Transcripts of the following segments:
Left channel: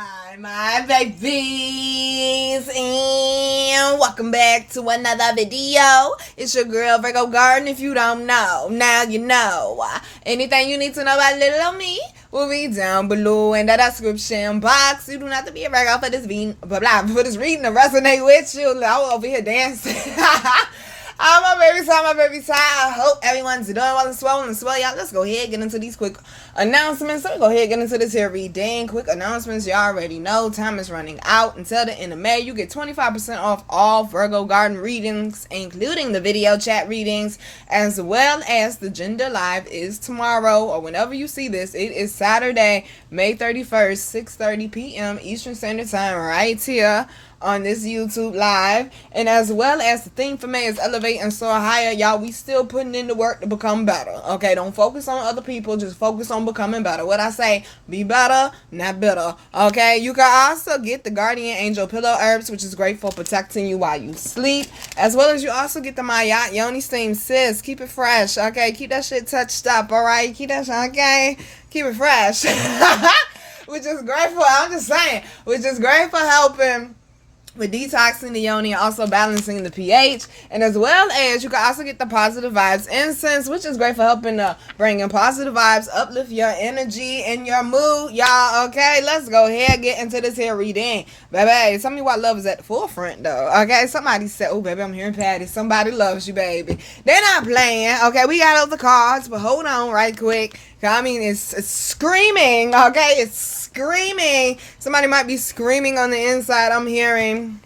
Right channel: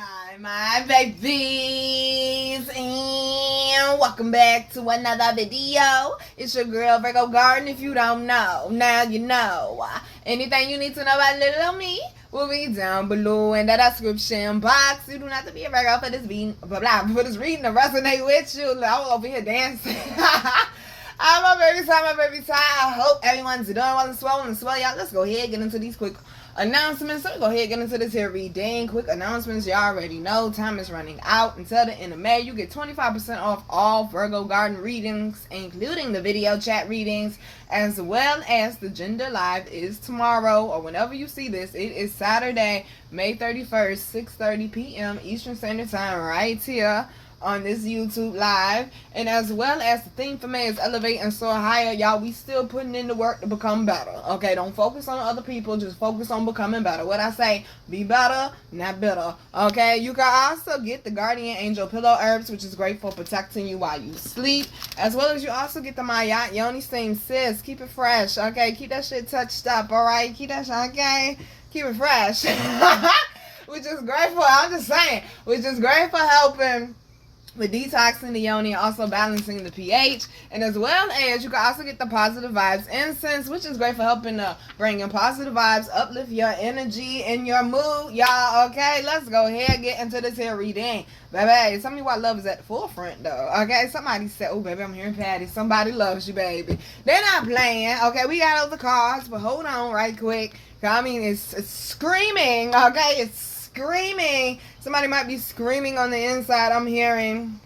Hi, my babies, and welcome back to another video. It's your girl Virgo Garden. If you don't know, now you know. Anything you need to know about little me will be down below in the description box. You do not have to be a Virgo for this reading, for this reading to resonate with you. I'm over here dancing. I'm my baby time. I hope everyone's doing well and swell. Y'all, let's go ahead and get into these quick announcements. So go ahead and get into this here reading. Quick announcements. Y'all already know time is running out. Until the end of May, you get 25% off all Virgo Garden readings, including the video chat readings, as well as the Gender Live is tomorrow, or whenever you see this. It is Saturday, May 31st, 6:30 p.m. Eastern Standard Time, right here on this YouTube live. And as well as the theme for May is elevate and soar higher. Y'all, we still putting in the work to become better. Okay, don't focus on other people, just focus on becoming better. What I say, be better, not bitter. Okay, you can also get the Guardian Angel Pillow Herbs, which is great for protecting you while you sleep, as well as you also get the Mayat Yoni Steam. Sis, keep it fresh. Okay, keep that shit touched up. All right, keep that shit, okay, keep it fresh. Which is great for, I'm just saying, which is great for helping with detoxing the yoni and also balancing the pH. And as well as you can also get the positive vibes incense, which is great for helping bring in positive vibes, uplift your energy and your mood, y'all. Okay, let's go ahead and get into this here reading. Baby, tell me why love is at the forefront though. Okay, somebody said, oh baby, I'm hearing Patty, somebody loves you, baby. They're not playing. Okay, we got all the cards, but hold on right quick. I mean, it's screaming. Okay, it's screaming. Somebody might be screaming on the inside. I'm hearing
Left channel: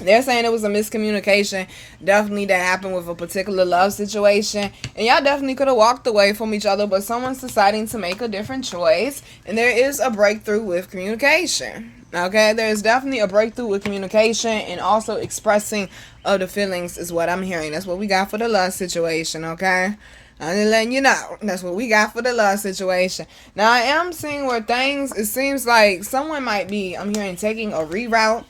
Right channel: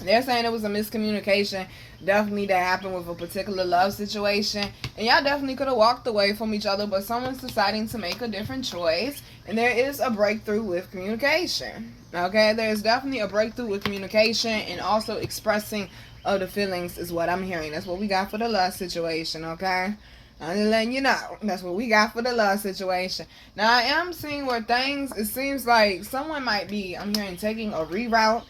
they're saying it was a miscommunication definitely that happened with a particular love situation, and y'all definitely could have walked away from each other, but someone's deciding to make a different choice, and there is a breakthrough with communication. Okay, there's definitely a breakthrough with communication and also expressing of the feelings is what I'm hearing. That's what we got for the love situation. Okay, I'm just letting you know. That's what we got for the love situation. Now, I am seeing where things, it seems like someone might be, I'm hearing, taking a reroute,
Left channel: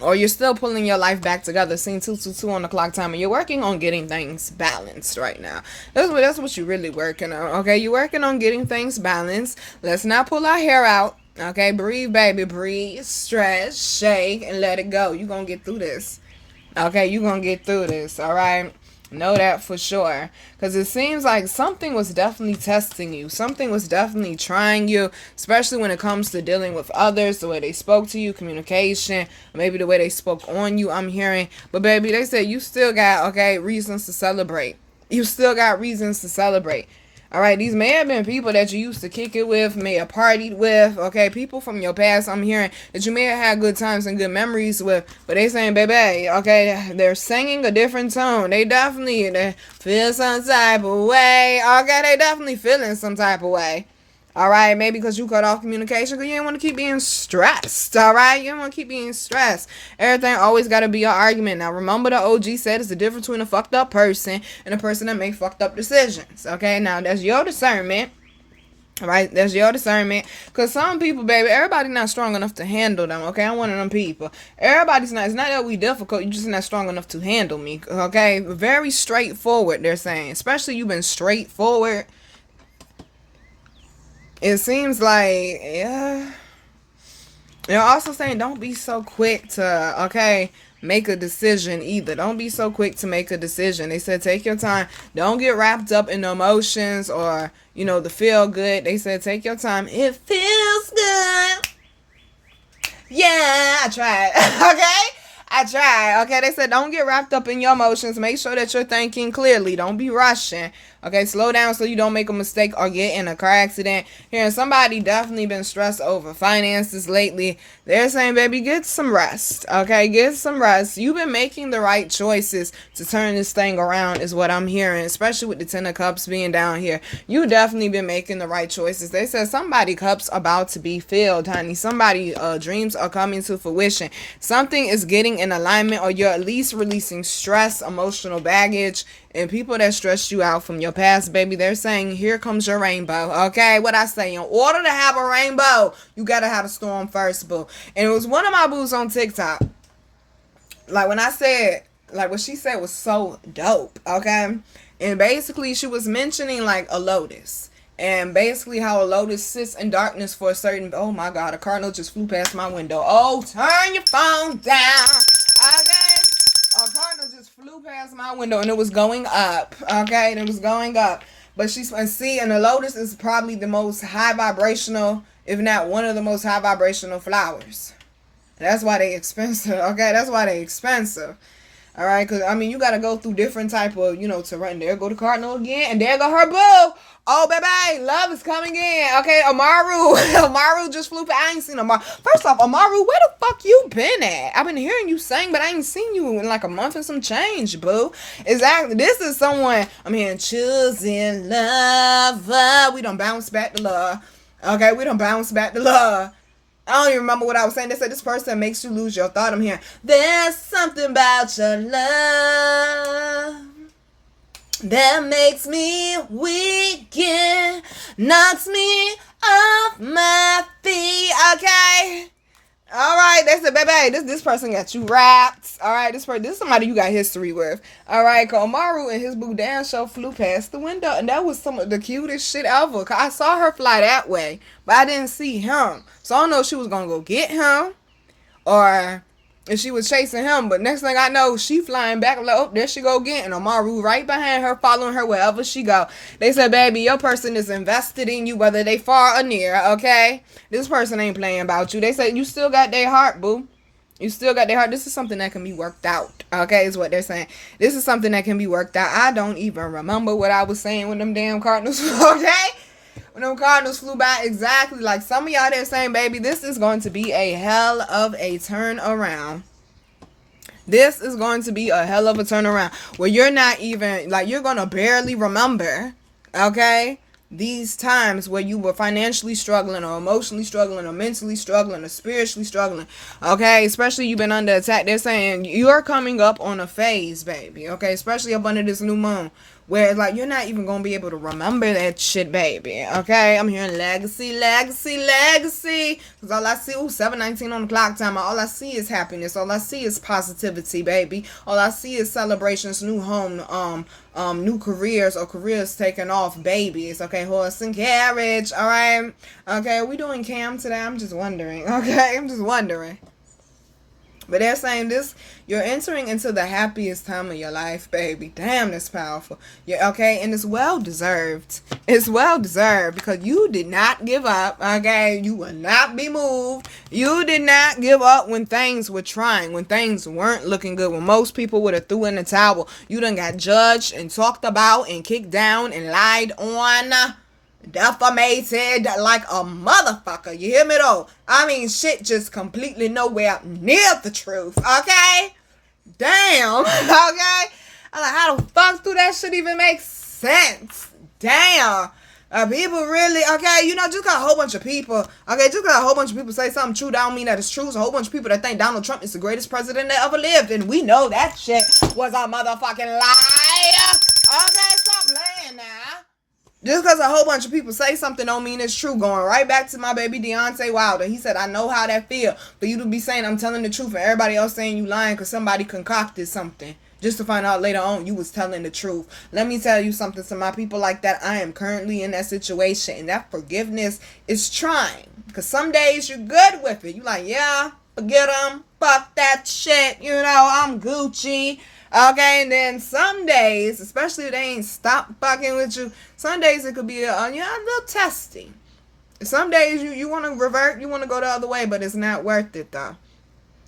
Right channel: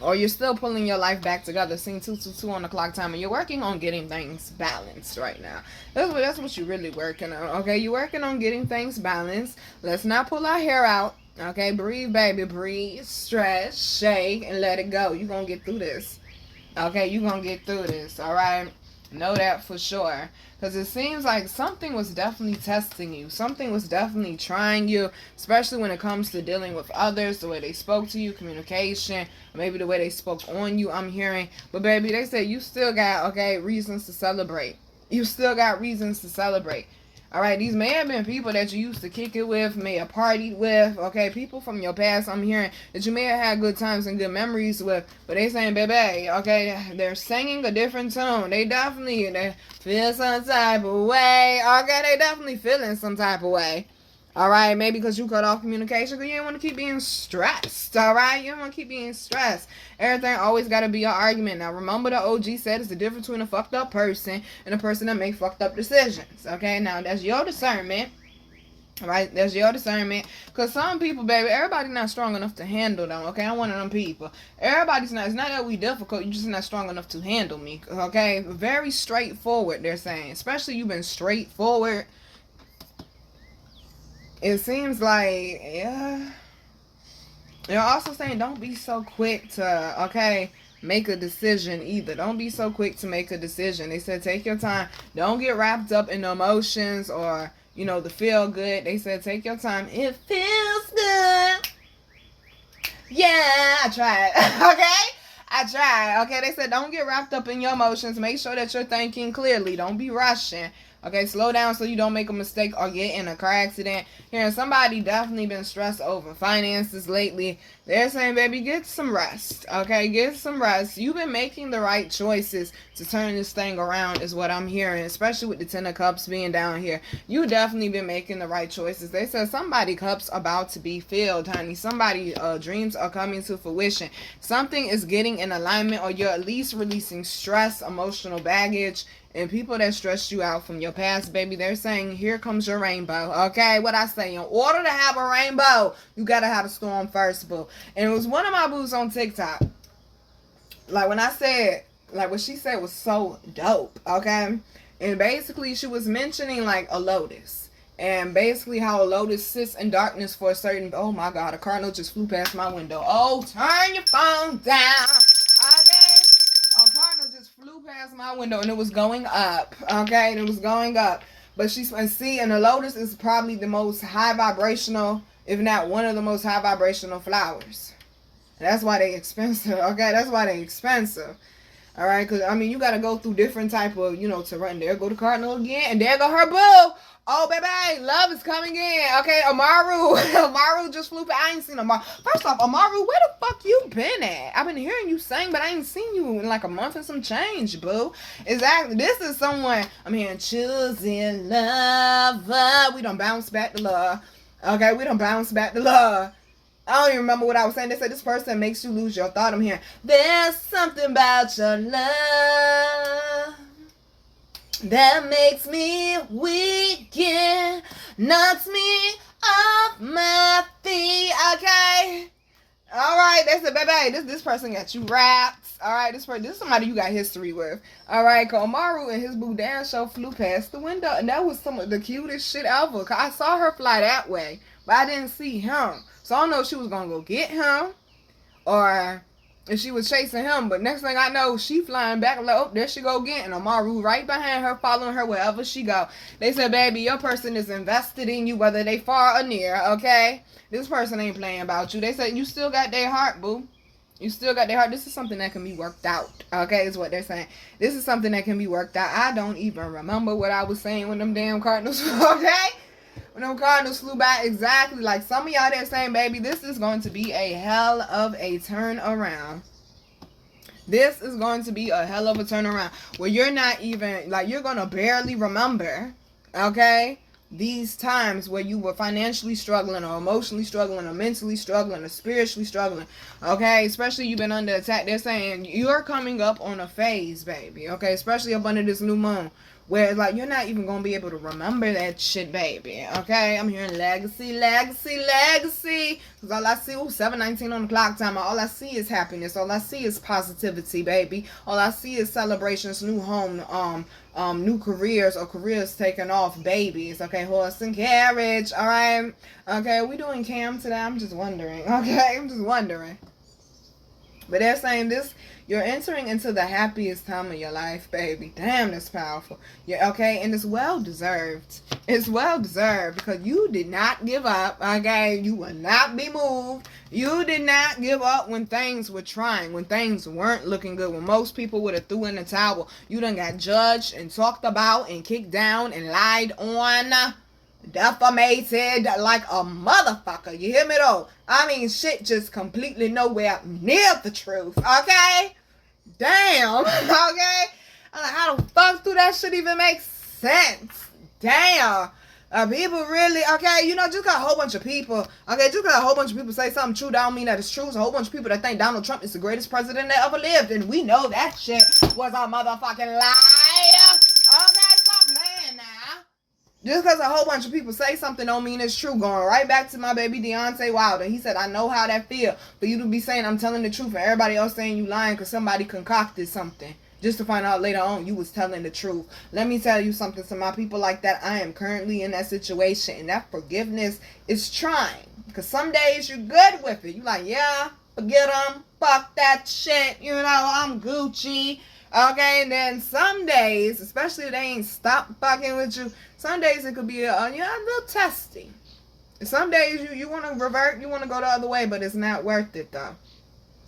or you're still pulling your life back together. Seeing 222 on the clock time, and you're working on getting things balanced right now. That's what you're really working on. Okay, you're working on getting things balanced. Let's not pull our hair out. Okay, breathe, baby, breathe, stretch, shake, and let it go. You're going to get through this. Okay, you're going to get through this, all right? Know that for sure, because it seems like something was definitely testing you. Something was definitely trying you, especially when it comes to dealing with others, the way they spoke to you, communication, maybe the way they spoke on you, I'm hearing. But baby, they said you still got, okay, reasons to celebrate. You still got reasons to celebrate. All right, these may have been people that you used to kick it with, may have partied with, okay, people from your past, I'm hearing, that you may have had good times and good memories with, but they saying, baby, okay, they're singing a different tone. They feel some type of way, okay, they definitely feeling some type of way. All right, maybe because you cut off communication because you didn't want to keep being stressed. All right, you don't want to keep being stressed. Everything always got to be an argument. Now, remember the OG said it's the difference between a fucked up person and a person that make fucked up decisions. Okay, now that's your discernment. All right, that's your discernment. Because some people, baby, everybody's not strong enough to handle them. Okay, I'm one of them people. Everybody's not. It's not that we difficult. You're just not strong enough to handle me. Okay, very straightforward, they're saying. Especially you've been straightforward. It seems like, yeah. They're also saying don't be so quick to, okay, make a decision either. Don't be so quick to make a decision. They said take your time. Don't get wrapped up in the emotions or, you know, the feel good. They said take your time. It feels good. Yeah, I tried. Okay? I tried. Okay, they said don't get wrapped up in your emotions. Make sure that you're thinking clearly. Don't be rushing. Okay, slow down so you don't make a mistake or get in a car accident. Hearing somebody definitely been stressed over finances lately. They're saying, baby, get some rest. Okay, get some rest. You've been making the right choices to turn this thing around is what I'm hearing, especially with the Ten of Cups being down here. You definitely been making the right choices. They said somebody cups about to be filled, honey. Somebody dreams are coming to fruition. Something is getting in alignment, or you're at least releasing stress, emotional baggage, and people that stressed you out from your past, baby. They're saying, here comes your rainbow. Okay, what I say, in order to have a rainbow, you gotta have a storm first, boo. And it was one of my boos on TikTok. Like when I said, like what she said was so dope, okay? And basically she was mentioning like a lotus. And basically how a lotus sits in darkness for a certain, oh my God, a cardinal just flew past my window. Oh, turn your phone down. Okay. A cardinal just flew past my window and it was going up. Okay. And it was going up. But she's, and see, and the lotus is probably the most high vibrational, if not one of the most high vibrational flowers. That's why they expensive. Okay. That's why they expensive. All right, because, I mean, you got to go through different type of, terrain. There go the cardinal again, and there go her boo. Oh, baby, love is coming in. Okay, Amaru. Amaru just flew. I ain't seen Amaru. First off, Amaru, where the fuck you been at? I've been hearing you sing, but I ain't seen you in like a month and some change, boo. Exactly. This is someone, I'm hearing, choosing love. We don't bounce back to love. Okay, we don't bounce back to love. I don't even remember what I was saying. They said this person makes you lose your thought. I'm hearing, there's something about your love that makes me weak and knocks me off my feet. Okay. All right, they said, baby, this person got you wrapped. All right, this is somebody you got history with. All right, Komaru and his boo Dan show flew past the window, and that was some of the cutest shit ever. Cause I saw her fly that way, but I didn't see him, so I don't know if she was gonna go get him or if she was chasing him. But next thing I know, she flying back. Like, oh, there she go again, and Amaru right behind her, following her wherever she go. They said, baby, your person is invested in you, whether they far or near. Okay. This person ain't playing about you. They said you still got their heart, boo. You still got their heart. This is something that can be worked out. Okay, is what they're saying. This is something that can be worked out. I don't even remember what I was saying when them damn Cardinals, okay? When them Cardinals flew by, exactly. Like some of y'all there saying, baby, this is going to be a hell of a turnaround. This is going to be a hell of a turnaround where you're not even, like, you're going to barely remember, okay? These times where you were financially struggling or emotionally struggling or mentally struggling or spiritually struggling, okay? Especially you've been under attack. They're saying you're coming up on a phase, baby, okay? Especially up under this new moon where it's like you're not even going to be able to remember that shit, baby, okay? I'm hearing legacy, legacy, legacy. Because all I see, 7:19 on the clock time. All I see is happiness. All I see is positivity, baby. All I see is celebrations, new home, new careers or careers taking off, babies, okay, horse and carriage, all right, okay, are we doing cam today? I'm just wondering, okay, I'm just wondering. But they're saying this, you're entering into the happiest time of your life, baby. Damn, that's powerful. Yeah, okay, and it's well deserved. It's well deserved because you did not give up, okay? You will not be moved. You did not give up when things were trying, when things weren't looking good, when most people would have threw in the towel. You done got judged and talked about and kicked down and lied on, defamated like a motherfucker. You hear me though? I mean, shit just completely nowhere near the truth, okay? Damn, okay? I'm like, how the fuck do that shit even make sense? Damn. People really, okay, just got a whole bunch of people, okay, just got a whole bunch of people say something true, that don't mean that it's true. So a whole bunch of people that think Donald Trump is the greatest president that ever lived, and we know that shit was a motherfucking lie. Okay, stop playing now. Just because a whole bunch of people say something don't mean it's true. Going right back to my baby Deontay Wilder. He said, I know how that feel for you to be saying I'm telling the truth and everybody else saying you lying because somebody concocted something. Just to find out later on you was telling the truth. Let me tell you something. To my people like that, I am currently in that situation. And that forgiveness is trying. Because some days you're good with it. You like, yeah, forget them. Fuck that shit. I'm Gucci. Okay, and then some days, especially if they ain't stop fucking with you, some days it could be a little testy. Some days you want to revert, you want to go the other way, but it's not worth it though.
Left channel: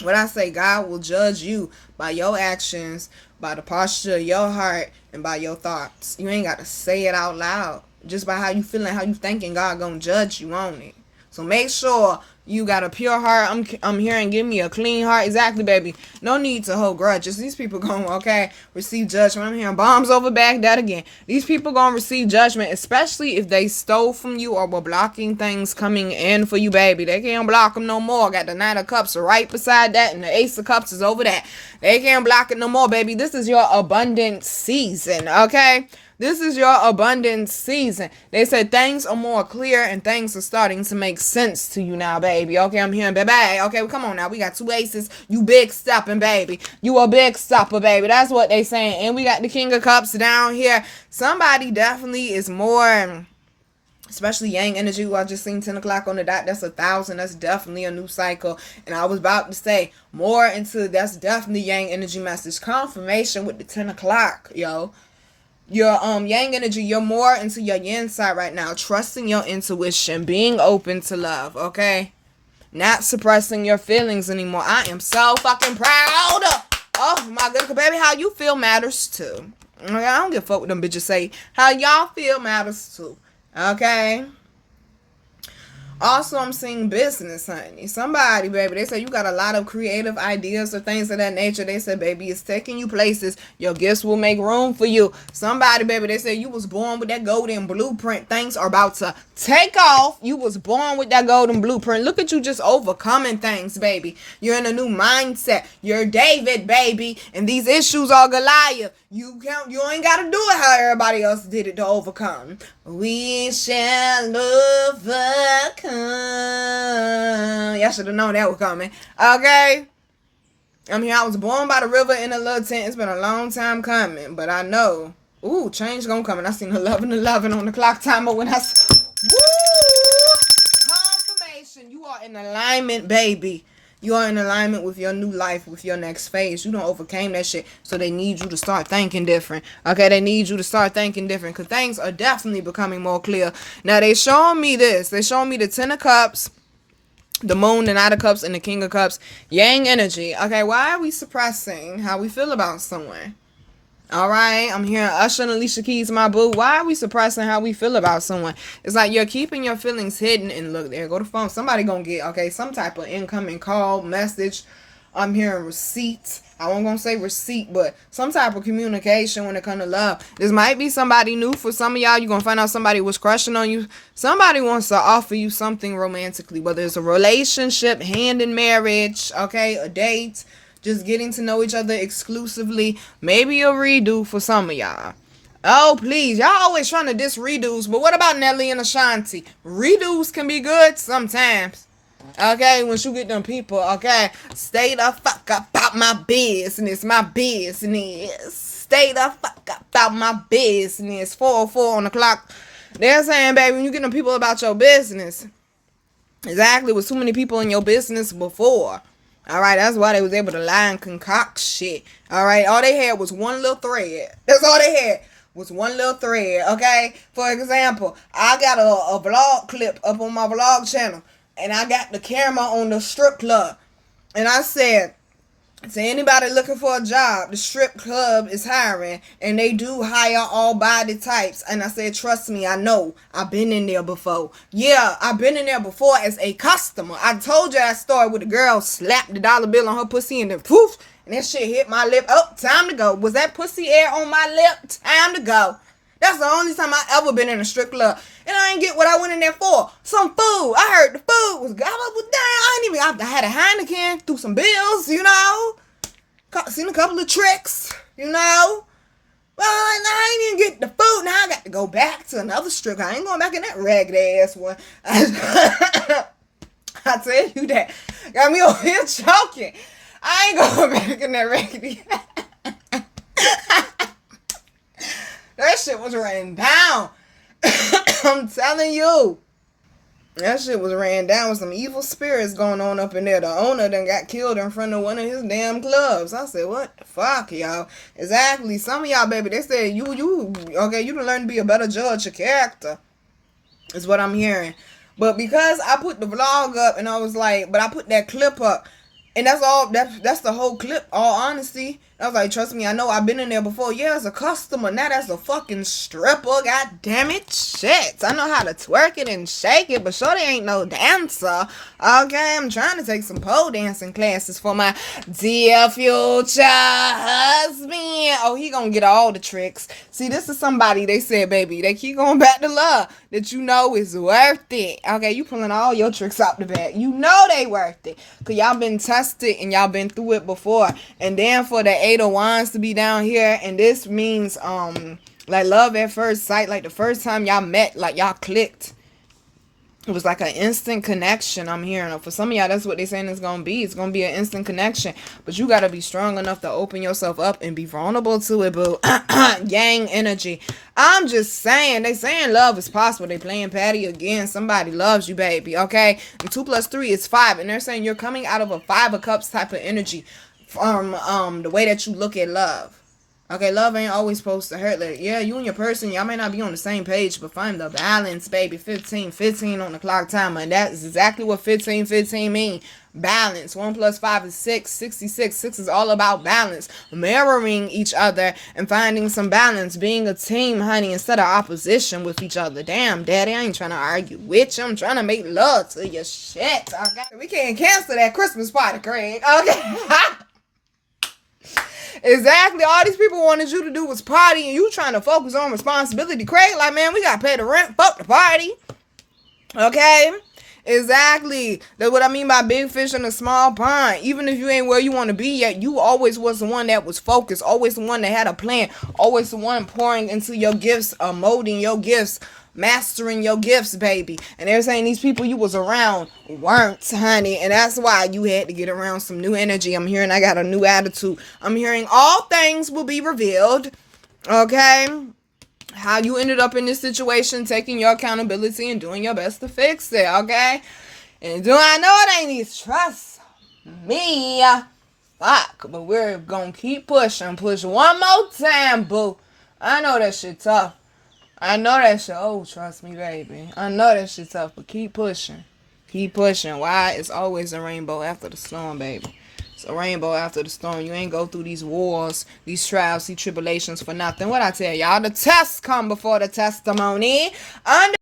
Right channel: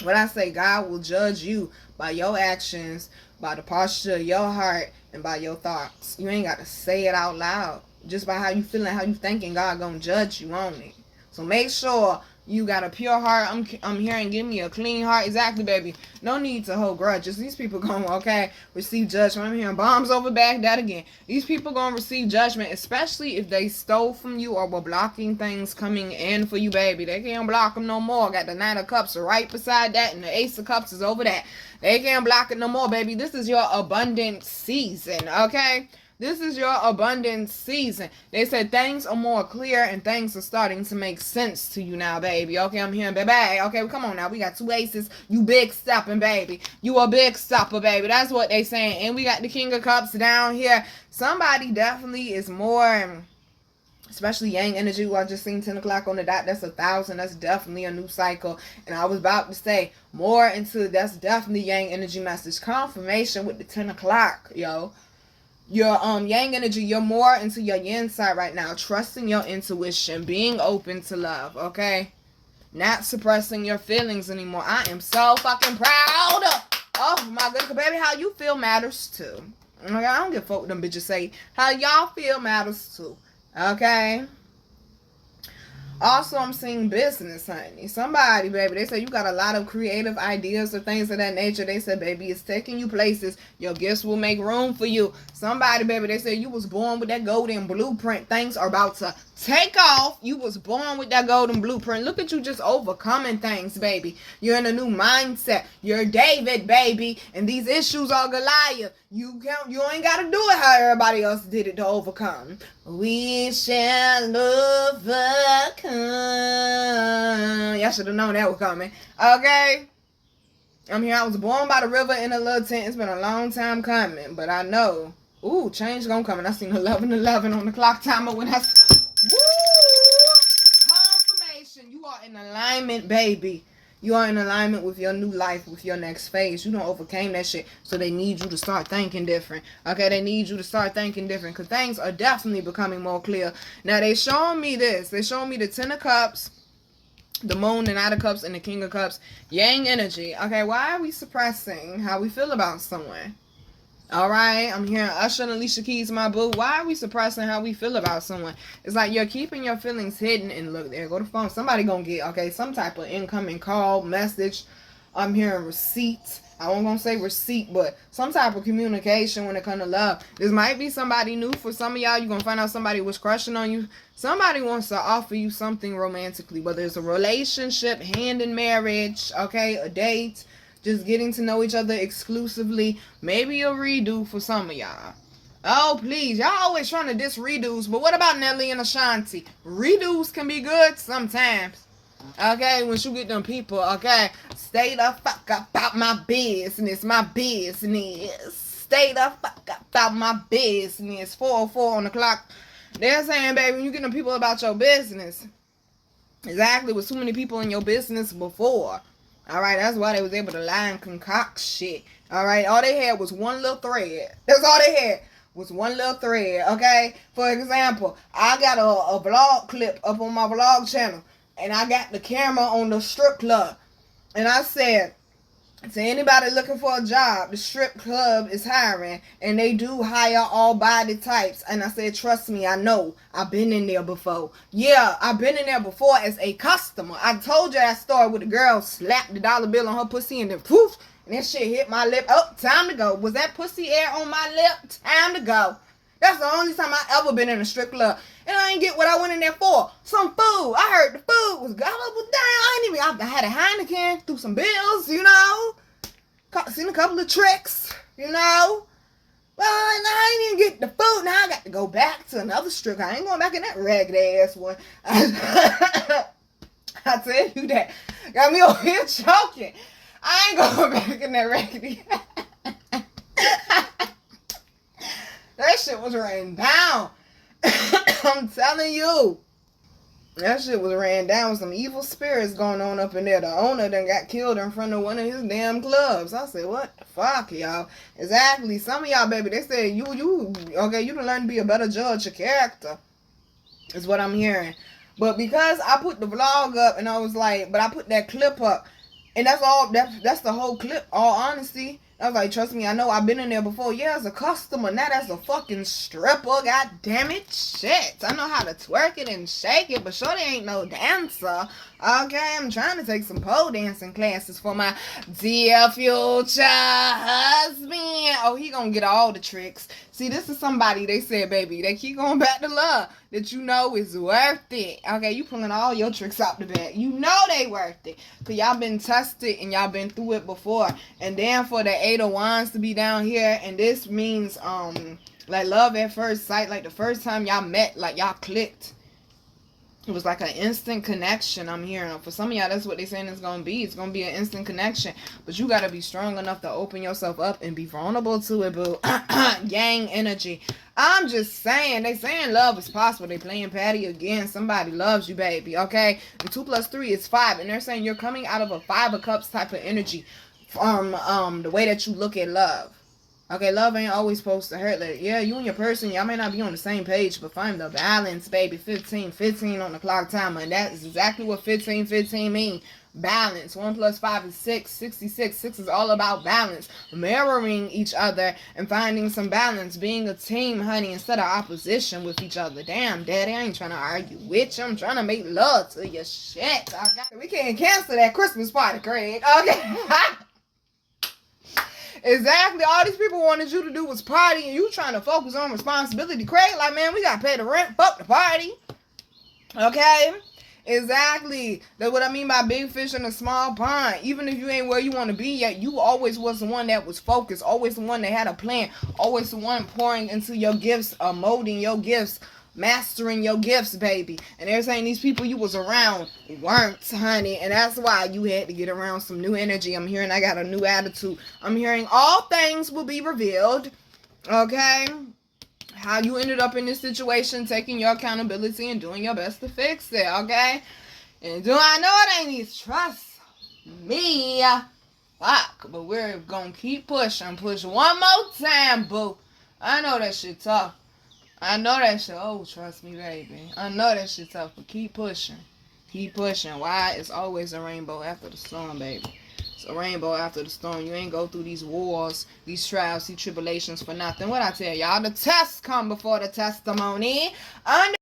What I say, God will judge you by your actions, by the posture of your heart, and by your thoughts. You ain't got to say it out loud. Just by how you feeling, how you thinking, God gonna judge you on it. So make sure you got a pure heart. I'm hearing, give me a clean heart. Exactly, baby. No need to hold grudges. These people gonna, receive judgment. I'm hearing bombs over Baghdad again. These people gonna receive judgment, especially if they stole from you or were blocking things coming in for you, baby. They can't block them no more. Got the Nine of Cups right beside that, and the Ace of Cups is over that. They can't block it no more, baby. This is your abundant season, okay? This is your abundance season. They said things are more clear and things are starting to make sense to you now, baby. Okay, I'm hearing, baby. Okay, come on now. We got two aces. You big stepping, baby. You a big stepper, baby. That's what they saying. And we got the King of Cups down here. Somebody definitely is more especially yang energy, who I just seen 10 o'clock on the dot. That's 1,000. That's definitely a new cycle. And I was about to say more into, that's definitely yang energy message confirmation with the 10 o'clock, yo. Your yang energy, you're more into your yin side right now, trusting your intuition, being open to love, okay? Not suppressing your feelings anymore. I am so fucking proud. Oh my goodness, baby, how you feel matters too. Okay, I don't give a fuck what them bitches say. How y'all feel matters too. Okay? Also, I'm seeing business, honey. Somebody, baby, they say you got a lot of creative ideas or things of that nature. They said, baby, it's taking you places. Your gifts will make room for you. Somebody, baby, they say you was born with that golden blueprint. Things are about to take off. You was born with that golden blueprint. Look at you just overcoming things, baby. You're in a new mindset. You're David, baby. And these issues are Goliath. You ain't got to do it how everybody else did it to overcome. We shall overcome. Y'all should have known that was coming. Okay? I'm here. I was born by the river in a little tent. It's been a long time coming. But I know. Ooh, change gonna come. And I seen 11:11 on the clock timer when I... Woo! Confirmation. You are in alignment, baby. You are in alignment with your new life, with your next phase. You don't overcame that shit, so they need you to start thinking different. Okay, they need you to start thinking different, because things are definitely becoming more clear. Now, they showing me this. They showing me the 10 of Cups, the Moon, the Knight of Cups, and the King of Cups. Yang energy. Okay, why are we suppressing how we feel about someone? All right, I'm hearing Usher and Alicia Keys, my boo. Why are we suppressing how we feel about someone? It's like you're keeping your feelings hidden. And look, there go the phone. Somebody gonna get, okay, some type of incoming call, message. I'm hearing receipt. I wasn't gonna say receipt, but some type of communication when it comes to love. This might be somebody new for some of y'all. You're gonna find out somebody was crushing on you. Somebody wants to offer you something romantically, whether it's a relationship, hand in marriage, okay, a date, just getting to know each other exclusively. Maybe a redo for some of y'all. Oh, please. Y'all always trying to diss redos. But what about Nelly and Ashanti? Redos can be good sometimes. Okay, once you get them people, okay? Stay the fuck about my business. My business. Stay the fuck about my business. 4:04 on the clock. They're saying, baby, when you get them people about your business. Exactly. With too many people in your business before. All right, that's why they was able to lie and concoct shit. All right, all they had was one little thread. That's all they had was one little thread, okay? For example, I got a vlog clip up on my vlog channel, and I got the camera on the strip club. And I said, to anybody looking for a job, the strip club is hiring, and they do hire all body types. And I said, trust me, I know. I've been in there before. Yeah, I've been in there before as a customer. I told you that story where the girl slapped the dollar bill on her pussy and then poof, and that shit hit my lip. Oh, time to go. Was that pussy air on my lip? Time to go. That's the only time I ever been in a strip club. And I didn't get what I went in there for. Some food. I heard the food was good. I had a Heineken, threw some bills, you know. Seen a couple of tricks, you know. Well, I didn't even get the food. Now I got to go back to another strip. I ain't going back in that ragged ass one. I tell you that. Got me over here choking. I ain't going back in that raggedy ass. That shit was ran down. I'm telling you. That shit was ran down with some evil spirits going on up in there. The owner done got killed in front of one of his damn clubs. I said, what the fuck, y'all? Exactly. Some of y'all, baby, they said you done learn to be a better judge of character. Is what I'm hearing. But because I put the vlog up and I was like, but I put that clip up. And that's all, that's the whole clip, all honesty. I was like, trust me, I know I've been in there before. Yeah, as a customer, not as a fucking stripper. God damn it. Shit. I know how to twerk it and shake it, but shorty ain't no dancer. Okay, I'm trying to take some pole dancing classes for my dear future husband. Oh, he gonna get all the tricks. See, this is somebody, they said, baby, they keep going back to love that you know is worth it. Okay, you pulling all your tricks out the bag. You know they worth it. Because y'all been tested and y'all been through it before. And then for the 8 of Wands to be down here, and this means like love at first sight, like the first time y'all met, like y'all clicked. It was like an instant connection. I'm hearing. For some of y'all, that's what they're saying it's going to be. It's going to be an instant connection. But you got to be strong enough to open yourself up and be vulnerable to it, boo. Yang energy. I'm just saying. They saying love is possible. They playing Patty again. Somebody loves you, baby. Okay? And 2 + 3 is 5. And they're saying you're coming out of a 5 of Cups type of energy from the way that you look at love. Okay, love ain't always supposed to hurt. Like, yeah, you and your person, y'all may not be on the same page, but find the balance, baby. 15 on the clock timer, and that is exactly what 15 mean. Balance. 1 + 5 is 6. 66. 6 is all about balance. Mirroring each other and finding some balance. Being a team, honey, instead of opposition with each other. Damn, daddy, I ain't trying to argue with you. I'm trying to make love to your shit. Okay? We can't cancel that Christmas party, Craig. Okay? Exactly. All these people wanted you to do was party, and you trying to focus on responsibility. Craig, like, man, we got to pay the rent. Fuck the party. Okay? Exactly. That's what I mean by big fish in a small pond. Even if you ain't where you want to be yet, you always was the one that was focused. Always the one that had a plan. Always the one pouring into your gifts, molding your gifts, mastering your gifts, baby. And they're saying these people you was around weren't, honey. And that's why you had to get around some new energy. I'm hearing I got a new attitude. I'm hearing all things will be revealed. Okay? How you ended up in this situation, taking your accountability and doing your best to fix it. Okay? And do I know it ain't easy? Trust me. Fuck. But we're gonna keep pushing. Push one more time, boo. I know that shit tough. I know that shit. Oh, trust me, baby. I know that shit tough, but keep pushing. Keep pushing. Why? It's always a rainbow after the storm, baby. It's a rainbow after the storm. You ain't go through these wars, these trials, these tribulations for nothing. What I tell y'all, the tests come before the testimony. Understand